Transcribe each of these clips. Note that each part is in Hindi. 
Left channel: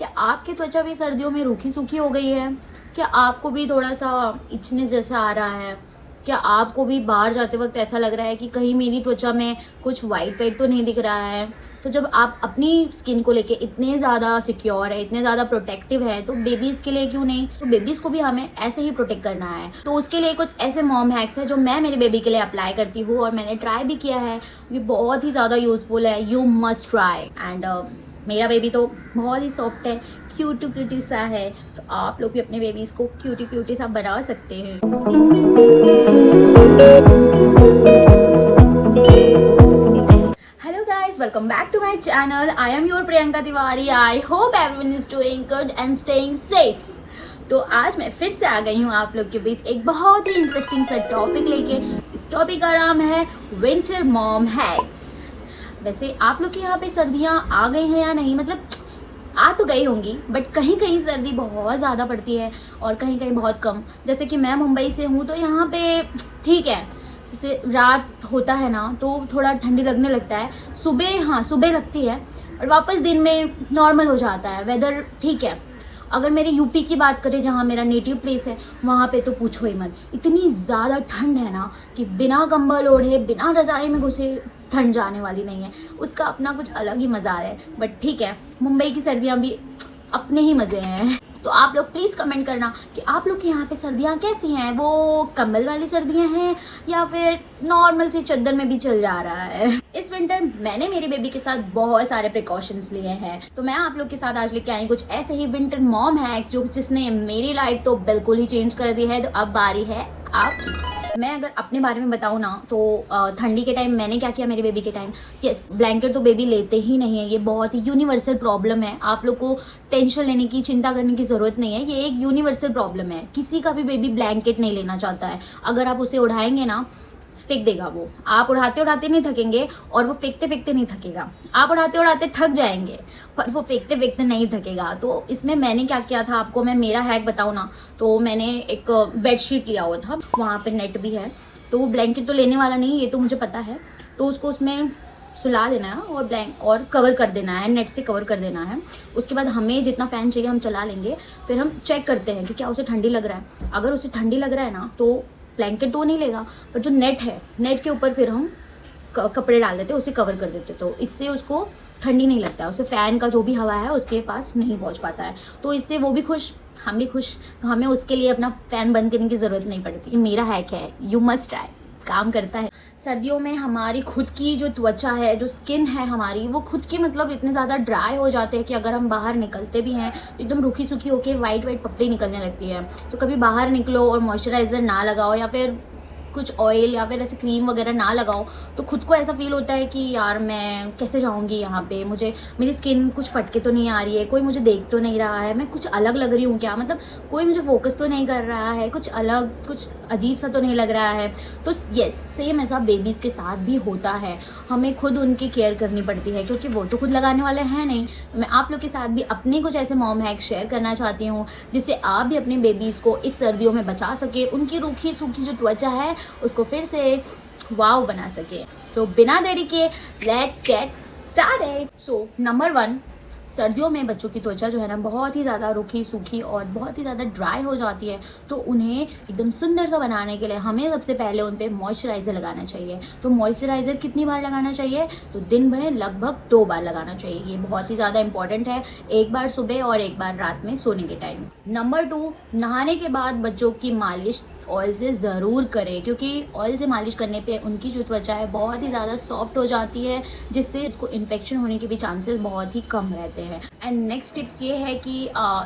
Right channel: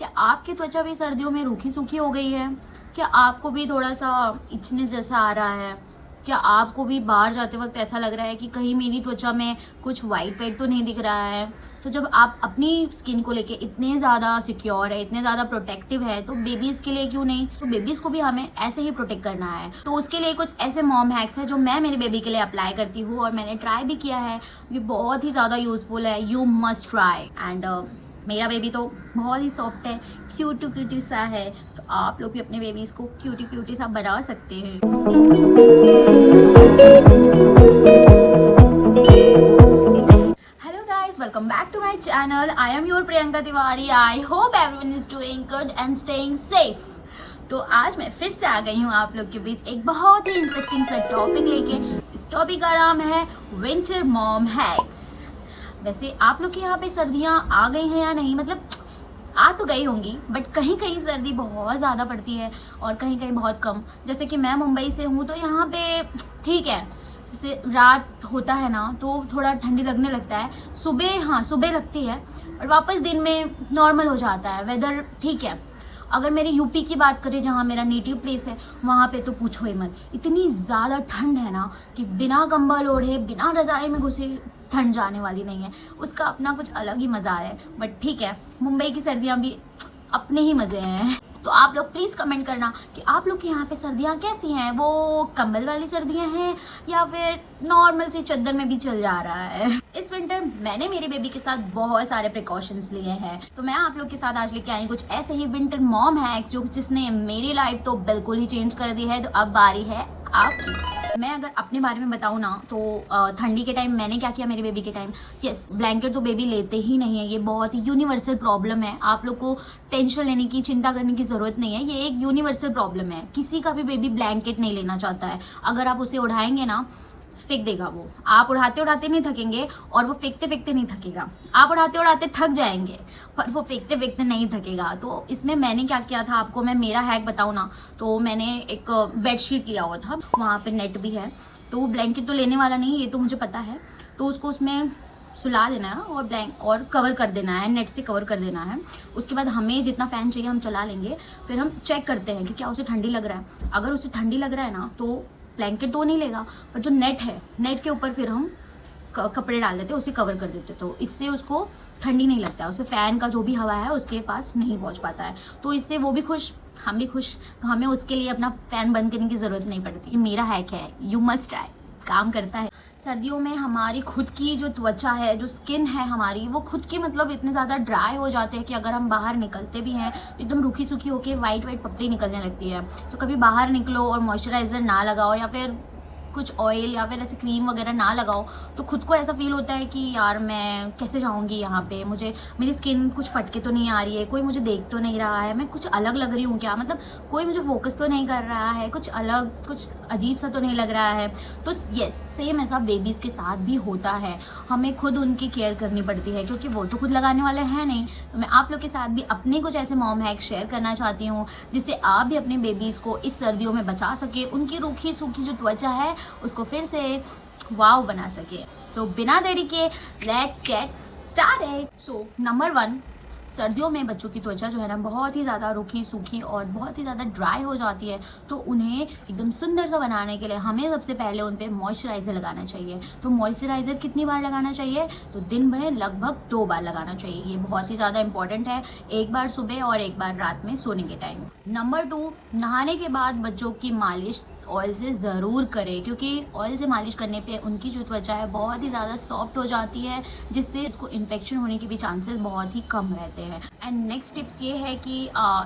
क्या आपकी त्वचा भी सर्दियों में रूखी सूखी हो गई है? क्या आपको भी थोड़ा सा इचने जैसा आ रहा है? क्या आपको भी बाहर जाते वक्त ऐसा लग रहा है कि कहीं मेरी त्वचा में कुछ वाइट वाइट तो नहीं दिख रहा है? तो जब आप अपनी स्किन को लेके इतने ज़्यादा सिक्योर है, इतने ज़्यादा प्रोटेक्टिव है, तो बेबीज़ के लिए क्यों नहीं? तो बेबीज़ को भी हमें ऐसे ही प्रोटेक्ट करना है। तो उसके लिए कुछ ऐसे मॉम हैक्स है जो मैं मेरे बेबी के लिए अप्लाई करती हूँ और मैंने ट्राई भी किया है। ये बहुत ही ज़्यादा यूजफुल है, यू मस्ट ट्राई। एंड मेरा बेबी तो बहुत ही सॉफ्ट है, क्यूटी सा है, तो आप लोग भी अपने बेबीज़ को क्यूटी सा बना सकते हैं। Hello guys, welcome back to my channel. I am your Priyanka Tiwari. I hope everyone is doing good and staying safe. तो आज मैं फिर से आ गई हूँ आप लोग के बीच एक बहुत ही इंटरेस्टिंग सा टॉपिक लेके। इस टॉपिक का नाम है विंटर मॉम हैक्स। वैसे आप लोग के यहाँ पे सर्दियाँ आ गई हैं या नहीं? मतलब आ तो गई होंगी, बट कहीं कहीं सर्दी बहुत ज़्यादा पड़ती है और कहीं कहीं बहुत कम। जैसे कि मैं मुंबई से हूँ, तो यहाँ पे ठीक है, जैसे रात होता है ना तो थोड़ा ठंडी लगने लगता है, सुबह लगती है और वापस दिन में नॉर्मल हो जाता है, वेदर ठीक है। अगर मेरे यूपी की बात करें, जहाँ मेरा नेटिव प्लेस है, वहाँ पे तो पूछो ही मत, इतनी ज़्यादा ठंड है ना कि बिना कंबल ओढ़े, बिना रज़ाई में घुसे ठंड जाने वाली नहीं है। उसका अपना कुछ अलग ही मज़ा है। बट ठीक है, मुंबई की सर्दियाँ भी अपने ही मज़े हैं। तो आप लोग प्लीज़ कमेंट करना कि आप लोग के यहाँ पे सर्दियाँ कैसी हैं? वो कंबल वाली सर्दियाँ हैं या फिर नॉर्मल सी चद्दर में भी चल जा रहा है? इस विंटर मैंने मेरे बेबी के साथ बहुत सारे प्रिकॉशंस लिए हैं, तो मैं आप लोग के साथ आज लेके आई कुछ ऐसे ही विंटर मॉम हैक्स जिसने मेरी लाइफ तो बिल्कुल ही चेंज कर दी है। तो अब बारी है आपकी। मैं अगर अपने बारे में बताऊँ ना, तो ठंडी के टाइम मैंने क्या किया मेरे बेबी के टाइम। यस, ब्लैंकेट तो बेबी लेते ही नहीं है, ये बहुत ही यूनिवर्सल प्रॉब्लम है। आप लोग को टेंशन लेने की, चिंता करने की ज़रूरत नहीं है, ये एक यूनिवर्सल प्रॉब्लम है। किसी का भी बेबी ब्लैंकेट नहीं लेना चाहता है। अगर आप उसे उड़ाएंगे ना, फेंक देगा वो। आप उड़ाते उड़ाते नहीं थकेंगे और वो फेंकते फेंकते नहीं थकेगा। आप उड़ाते उड़ाते थक जाएंगे पर वो फेंकते फेंकते नहीं थकेगा। तो इसमें मैंने क्या किया था, आपको मैं मेरा हैक बताऊँ ना, तो मैंने एक बेडशीट लिया हुआ था, वहाँ पे नेट भी है, तो वो ब्लैंकेट तो लेने वाला नहीं, ये तो मुझे पता है। तो उसको उसमें सुला देना है और कवर कर देना है, नेट से कवर कर देना है। उसके बाद हमें जितना फ़ैन चाहिए हम चला लेंगे। फिर हम चेक करते हैं कि क्या उसे ठंडी लग रहा है। अगर उसे ठंडी लग रहा है ना, तो ब्लैंकेट तो नहीं लेगा, पर जो नेट है, नेट के ऊपर फिर हम कपड़े डाल देते, उसे कवर कर देते, तो इससे उसको ठंडी नहीं लगता है। उसे फ़ैन का जो भी हवा है उसके पास नहीं पहुंच पाता है। तो इससे वो भी खुश, हम भी खुश, तो हमें उसके लिए अपना फ़ैन बंद करने की ज़रूरत नहीं पड़ती। ये मेरा हैक है, यू मस्ट ट्राई, काम करता है। सर्दियों में हमारी खुद की जो त्वचा है, जो स्किन है हमारी, वो खुद की मतलब इतने ज़्यादा ड्राई हो जाते हैं कि अगर हम बाहर निकलते भी हैं तो एकदम रूखी सूखी होके वाइट पपड़ी निकलने लगती है। तो कभी बाहर निकलो और मॉइस्चराइज़र ना लगाओ या फिर कुछ ऑयल या फिर ऐसे क्रीम वगैरह ना लगाओ, तो खुद को ऐसा फील होता है कि यार मैं कैसे जाऊंगी यहाँ पे, मुझे मेरी स्किन कुछ फटके तो नहीं आ रही है, कोई मुझे देख तो नहीं रहा है, मैं कुछ अलग लग रही हूँ क्या, मतलब कोई मुझे फोकस तो नहीं कर रहा है, कुछ अलग, कुछ अजीब सा तो नहीं लग रहा है। तो यस, सेम ऐसा बेबीज़ के साथ भी होता है। हमें खुद उनकी केयर करनी पड़ती है क्योंकि वो तो खुद लगाने वाले हैं नहीं। तो मैं आप लोग के साथ भी अपने कुछ ऐसे मॉम हैक शेयर करना चाहती हूँ जिससे आप भी अपने बेबीज़ को इस सर्दियों में बचा सके, उनकी रूखी सूखी जो त्वचा है उसको फिर से वाव बना सके। तो बिना देरी के let's get started. So number 1, सर्दियों में बच्चों की त्वचा जो है ना बहुत ही ज़्यादा रूखी सूखी और बहुत ही ज़्यादा ड्राई हो जाती है। तो उन्हें एकदम सुंदर सा बनाने के लिए हमें सबसे पहले उन पर मॉइस्चराइज़र लगाना चाहिए। तो मॉइस्चराइज़र कितनी बार लगाना चाहिए? तो दिन भर लगभग 2 बार लगाना चाहिए। ये बहुत ही ज़्यादा इंपॉर्टेंट है, एक बार सुबह और एक बार रात में सोने के टाइम। नंबर 2, नहाने के बाद बच्चों की मालिश ऑयल से ज़रूर करें, क्योंकि ऑयल से मालिश करने पे उनकी जो त्वचा है बहुत ही ज़्यादा सॉफ्ट हो जाती है, जिससे इसको इन्फेक्शन होने के भी चांसेस बहुत ही कम रहते हैं। एंड नेक्स्ट टिप्स ये है कि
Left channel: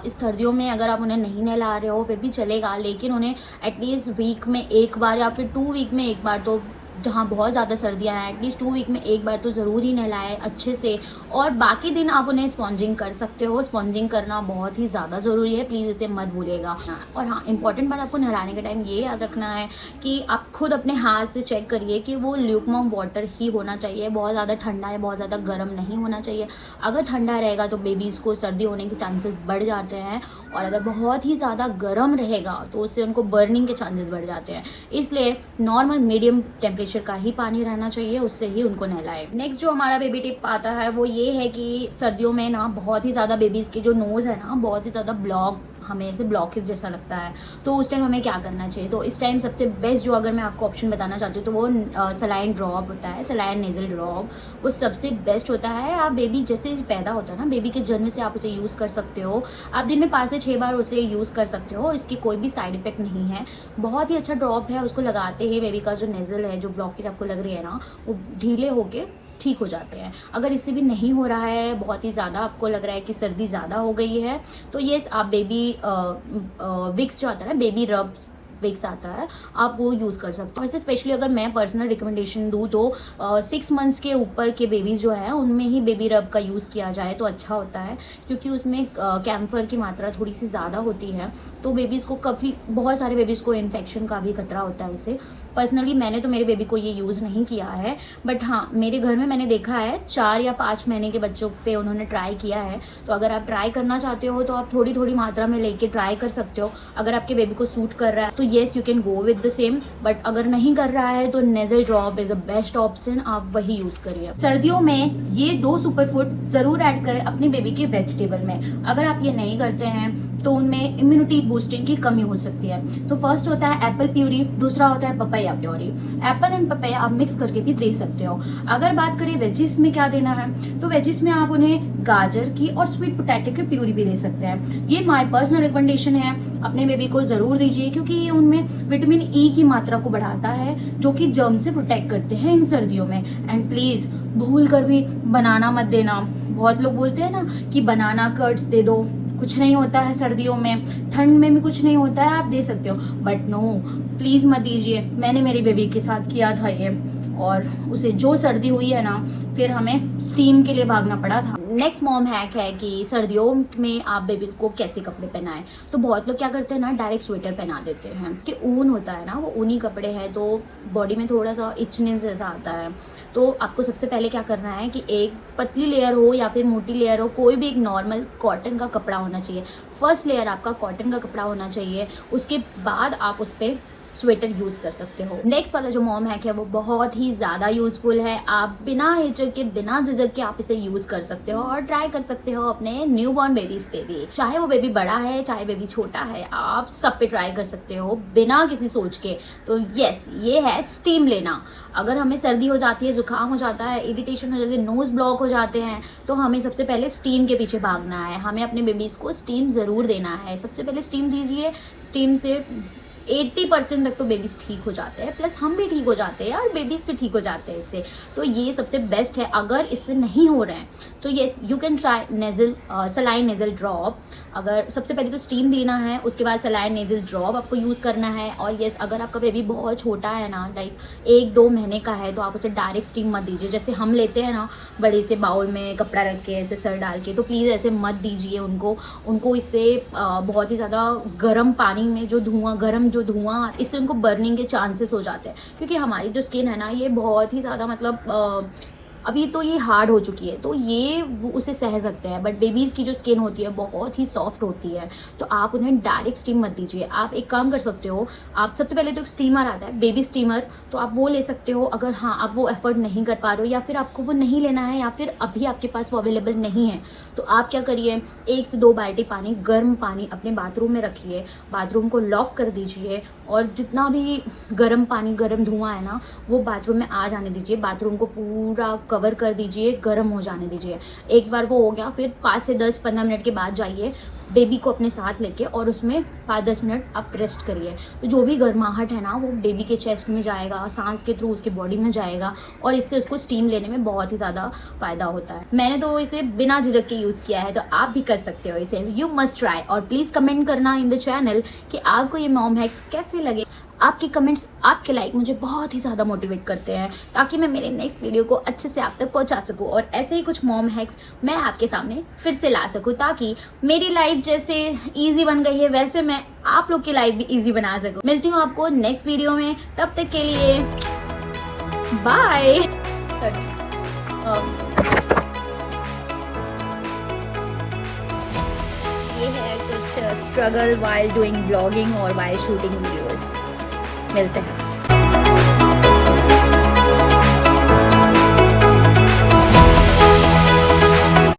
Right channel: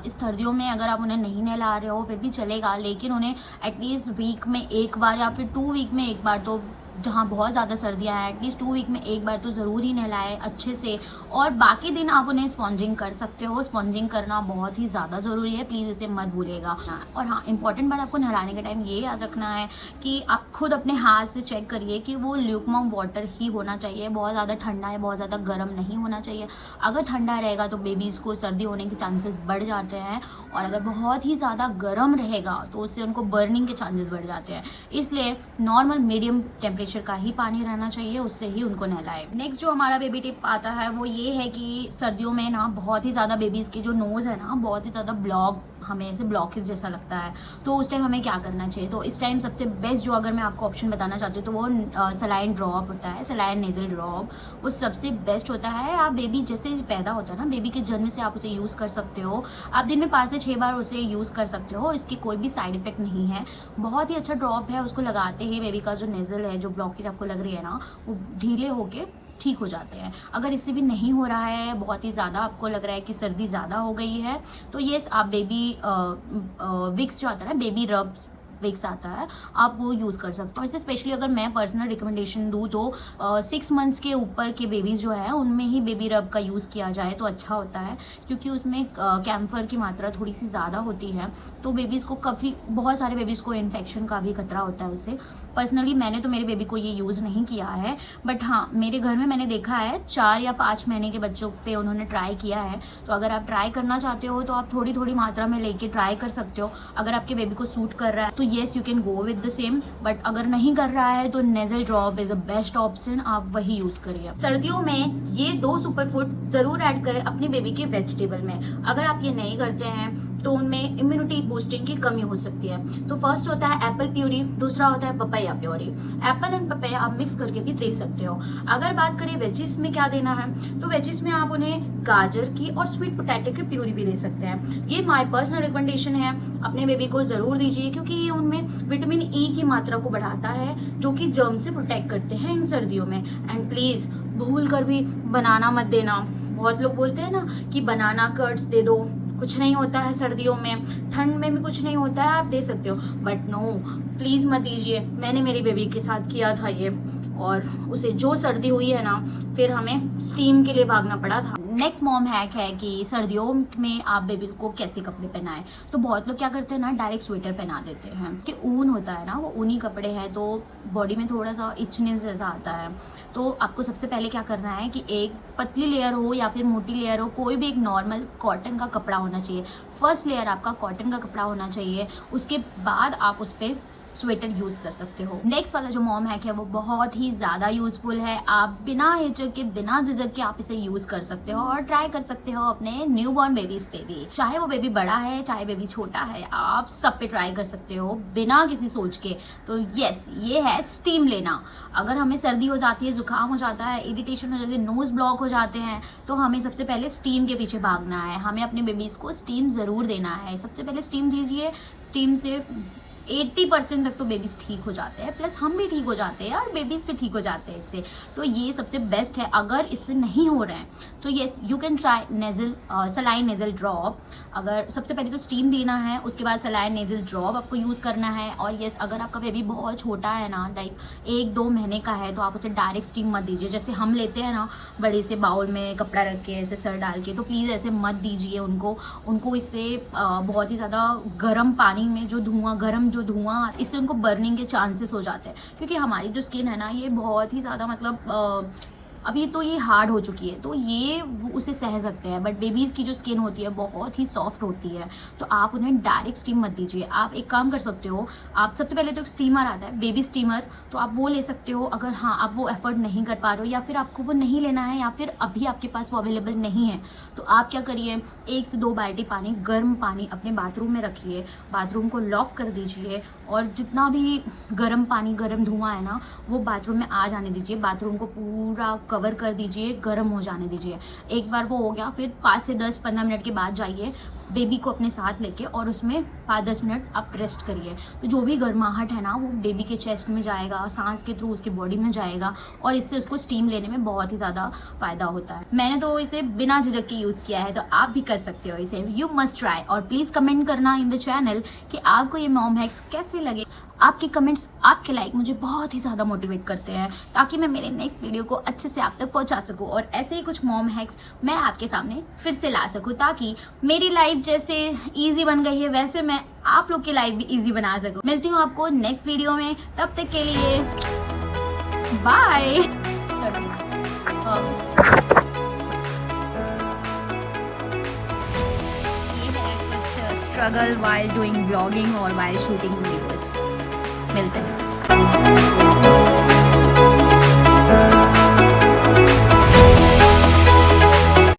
इस सर्दियों में अगर आप उन्हें नहीं नहला रहे हो फिर भी चलेगा, लेकिन उन्हें एटलीस्ट वीक में एक बार या फिर 2 वीक में एक बार, तो जहाँ बहुत ज़्यादा सर्दियाँ हैं एटलीस्ट 2 वीक में एक बार तो ज़रूर ही नहलाएं अच्छे से। और बाकी दिन आप उन्हें स्पॉन्जिंग कर सकते हो, स्पॉन्जिंग करना बहुत ही ज़्यादा ज़रूरी है, प्लीज़ इसे मत भूलिएगा। और हाँ, इंपॉर्टेंट बात आपको नहलाने के टाइम ये याद रखना है कि आप खुद अपने हाथ से चेक करिए कि वो ल्यूकवार्म वाटर ही होना चाहिए, बहुत ज़्यादा ठंडा या बहुत ज़्यादा गर्म नहीं होना चाहिए। अगर ठंडा रहेगा तो बेबीज़ को सर्दी होने के चांसेस बढ़ जाते हैं, और अगर बहुत ही ज़्यादा गर्म रहेगा तो उससे उनको बर्निंग के चांसेस बढ़ जाते हैं। इसलिए नॉर्मल मीडियम टेम्परेचर टेम्परेचर का ही पानी रहना चाहिए, उससे ही उनको नहलाएं। नेक्स्ट जो हमारा बेबी टिप आता है वो ये है कि सर्दियों में ना बहुत ही ज़्यादा बेबीज़ की जो नोज़ है ना बहुत ही ज़्यादा हमें ऐसे ब्लॉकेज जैसा लगता है, तो उस टाइम हमें क्या करना चाहिए। तो इस टाइम सबसे बेस्ट जो अगर मैं आपको ऑप्शन बताना चाहती हूँ तो वो सलाइन ड्रॉप होता है, सलाइन नेजल ड्रॉप, वो सबसे बेस्ट होता है। आप बेबी जैसे पैदा होता है ना, बेबी के जन्म से आप उसे यूज़ कर सकते हो। आप दिन में 5 से 6 बार उसे यूज़ कर सकते हो, इसकी कोई भी साइड इफेक्ट नहीं है। बहुत ही अच्छा ड्रॉप है, उसको लगाते ही बेबी का जो नेजल है, जो ब्लॉकेज आपको लग रही है ना, वो ढीले होके ठीक हो जाते हैं। अगर इससे भी नहीं हो रहा है, बहुत ही ज़्यादा आपको लग रहा है कि सर्दी ज़्यादा हो गई है, तो ये आप बेबी विक्स जो आता है ना, बेबी रब विक्स आता है, आप वो यूज़ कर सकते हो। ऐसे स्पेशली अगर मैं पर्सनल रिकमेंडेशन दूँ तो 6 मंथ्स के ऊपर के बेबीज़ जो है उनमें ही बेबी रब का यूज़ किया जाए तो अच्छा होता है, क्योंकि उसमें कैम्फर की मात्रा थोड़ी सी ज़्यादा होती है, तो बेबीज़ को बहुत सारे बेबीज़ को इन्फेक्शन का भी खतरा होता है उससे। पर्सनली मैंने तो मेरे बेबी को ये यूज़ नहीं किया है, बट हाँ मेरे घर में मैंने देखा है 4 या 5 महीने के बच्चों पे उन्होंने ट्राई किया है। तो अगर आप ट्राई करना चाहते हो तो आप थोड़ी थोड़ी मात्रा में लेके ट्राई कर सकते हो। अगर आपके बेबी को सूट कर रहा है तो yes you can go with the same, but अगर नहीं कर रहा है तो nasal drop is a best option, आप वही यूज़ करिए। सर्दियों में ये 2 सुपर फूड ज़रूर ऐड करें अपने बेबी के वेजिटेबल में। अगर आप ये नहीं करते हैं तो उनमें इम्यूनिटी बूस्टिंग की कमी हो सकती है। तो फर्स्ट होता है एप्पल प्यूरी, दूसरा होता है papaya puree. Apple and papaya आप मिक्स करके भी दे सकते हो। अगर बात करें वेजिस में क्या देना है, तो वेजिस में आप उन्हें गाजर की और स्वीट पोटैटो की प्यूरी भी दे सकते हैं। ये माय पर्सनल रिकमेंडेशन है, अपने बेबी को ज़रूर दीजिए, क्योंकि ये उनमें विटामिन ई की मात्रा को बढ़ाता है, जो कि जर्म से प्रोटेक्ट करते हैं इन सर्दियों में। एंड प्लीज़ भूल कर भी बनाना मत देना। बहुत लोग बोलते हैं ना कि बनाना कर्ड्स दे दो, कुछ नहीं होता है सर्दियों में, ठंड में भी कुछ नहीं होता है, आप दे सकते हो, बट नो प्लीज़ मत दीजिए। मैंने मेरी बेबी के साथ किया था ये, और उसे जो सर्दी हुई है ना, फिर हमें स्टीम के लिए भागना पड़ा था। नेक्स्ट मॉम हैक है कि सर्दियों में आप बेबी को कैसे कपड़े पहनाएं। तो बहुत लोग क्या करते हैं ना, डायरेक्ट स्वेटर पहना देते हैं, कि ऊन होता है ना, वो ऊनी कपड़े हैं तो बॉडी में थोड़ा सा इचनेस जैसा आता है। तो आपको सबसे पहले क्या करना है कि एक पतली लेयर हो या फिर मोटी लेयर हो, कोई भी एक नॉर्मल कॉटन का कपड़ा होना चाहिए। फर्स्ट लेयर आपका कॉटन का कपड़ा होना चाहिए, उसके बाद आप उस पर स्वेटर यूज कर सकते हो। नेक्स्ट वाला जो मॉम हैक है वो बहुत ही ज्यादा यूजफुल है। आप बिना हिचक के, बिना झिझक के आप इसे यूज कर सकते हो और ट्राई कर सकते हो अपने न्यूबॉर्न बेबीज पे भी। चाहे वो बेबी बड़ा है चाहे बेबी छोटा है, आप सब पे ट्राई कर सकते हो बिना किसी सोच के। तो यस, ये है स्टीम लेना। अगर हमें सर्दी हो जाती है, जुकाम हो जाता है, इरिटेशन हो जाती है, नोज ब्लॉक हो जाते हैं, तो हमें सबसे पहले स्टीम के पीछे भागना है। हमें अपने बेबीज को स्टीम जरूर देना है। सबसे पहले स्टीम दीजिए। स्टीम से 80% तक तो बेबीज ठीक हो जाते हैं, प्लस हम भी ठीक हो जाते हैं और बेबीज भी ठीक हो जाते हैं इससे। तो ये सबसे बेस्ट है। अगर इससे नहीं हो रहे हैं तो ये you can try nasal saline nasal drop. अगर सबसे पहले तो स्टीम देना है, उसके बाद सलाइन नेजल ड्रॉप आपको यूज़ करना है। और यस, अगर आपका बेबी बहुत छोटा है ना, लाइक 1-2 महीने का है, तो आप उसे डायरेक्ट स्टीम मत दीजिए। जैसे हम लेते हैं ना बड़े से बाउल में कपड़ा रख के ऐसे सर डाल के, तो प्लीज़ ऐसे मत दीजिए उनको। इससे बहुत ही ज़्यादा गर्म पानी में जो धुआं, इससे उनको बर्निंग के चांसेस हो जाते हैं। क्योंकि हमारी जो स्किन है ना, ये बहुत ही ज़्यादा मतलब अभी तो ये हार्ड हो चुकी है, तो ये उसे सह सकते हैं, बट बेबीज़ की जो स्किन होती है बहुत ही सॉफ्ट होती है। तो आप उन्हें डायरेक्ट स्टीम मत दीजिए। आप एक काम कर सकते हो, आप सबसे पहले तो एक स्टीमर आता है, बेबी स्टीमर, तो आप वो ले सकते हो। अगर हाँ आप वो एफर्ट नहीं कर पा रहे हो, या फिर आपको वो नहीं लेना है, या फिर अभी आपके पास वो अवेलेबल नहीं है, तो आप क्या करिए, 1 से 2 बाल्टी पानी, गर्म पानी अपने बाथरूम में रखिए, बाथरूम को लॉक कर दीजिए, और जितना भी गर्म पानी, गर्म धुआं है ना, वो बाथरूम में आ जाने दीजिए। बाथरूम को पूरा कवर कर दीजिए, गर्म हो जाने दीजिए। एक बार वो हो गया, फिर 5 से 10-15 मिनट के बाद जाइए बेबी को अपने साथ लेके, और उसमें 5-10 मिनट आप रेस्ट करिए। तो जो भी गर्माहट है ना, वो बेबी के चेस्ट में जाएगा, सांस के थ्रू उसके बॉडी में जाएगा, और इससे उसको स्टीम लेने में बहुत ही ज़्यादा फायदा होता है। मैंने तो इसे बिना झिझक के यूज़ किया है, तो आप भी कर सकते हो इसे। You must try. और प्लीज़ कमेंट करना इन द चैनल कि आपको ये मॉम हैक्स कैसे लगे। आपके कमेंट्स, आपके लाइक मुझे बहुत ही ज़्यादा मोटिवेट करते हैं, ताकि मैं मेरे नेक्स्ट वीडियो को अच्छे से आप तक पहुंचा सकूं, और ऐसे ही कुछ मॉम हैक्स मैं आपके सामने फिर से ला सकूं, ताकि मेरी लाइफ जैसे इजी बन गई है वैसे मैं आप लोग की लाइफ भी इजी बना सकूं। मिलती हूँ आपको नेक्स्ट वीडियो में, तब तक के लिए बाय। ये है कुछ स्ट्रगल वाइल डूइंग ब्लॉगिंग और वाइल शूटिंग वीडियोस। मिलते हैं।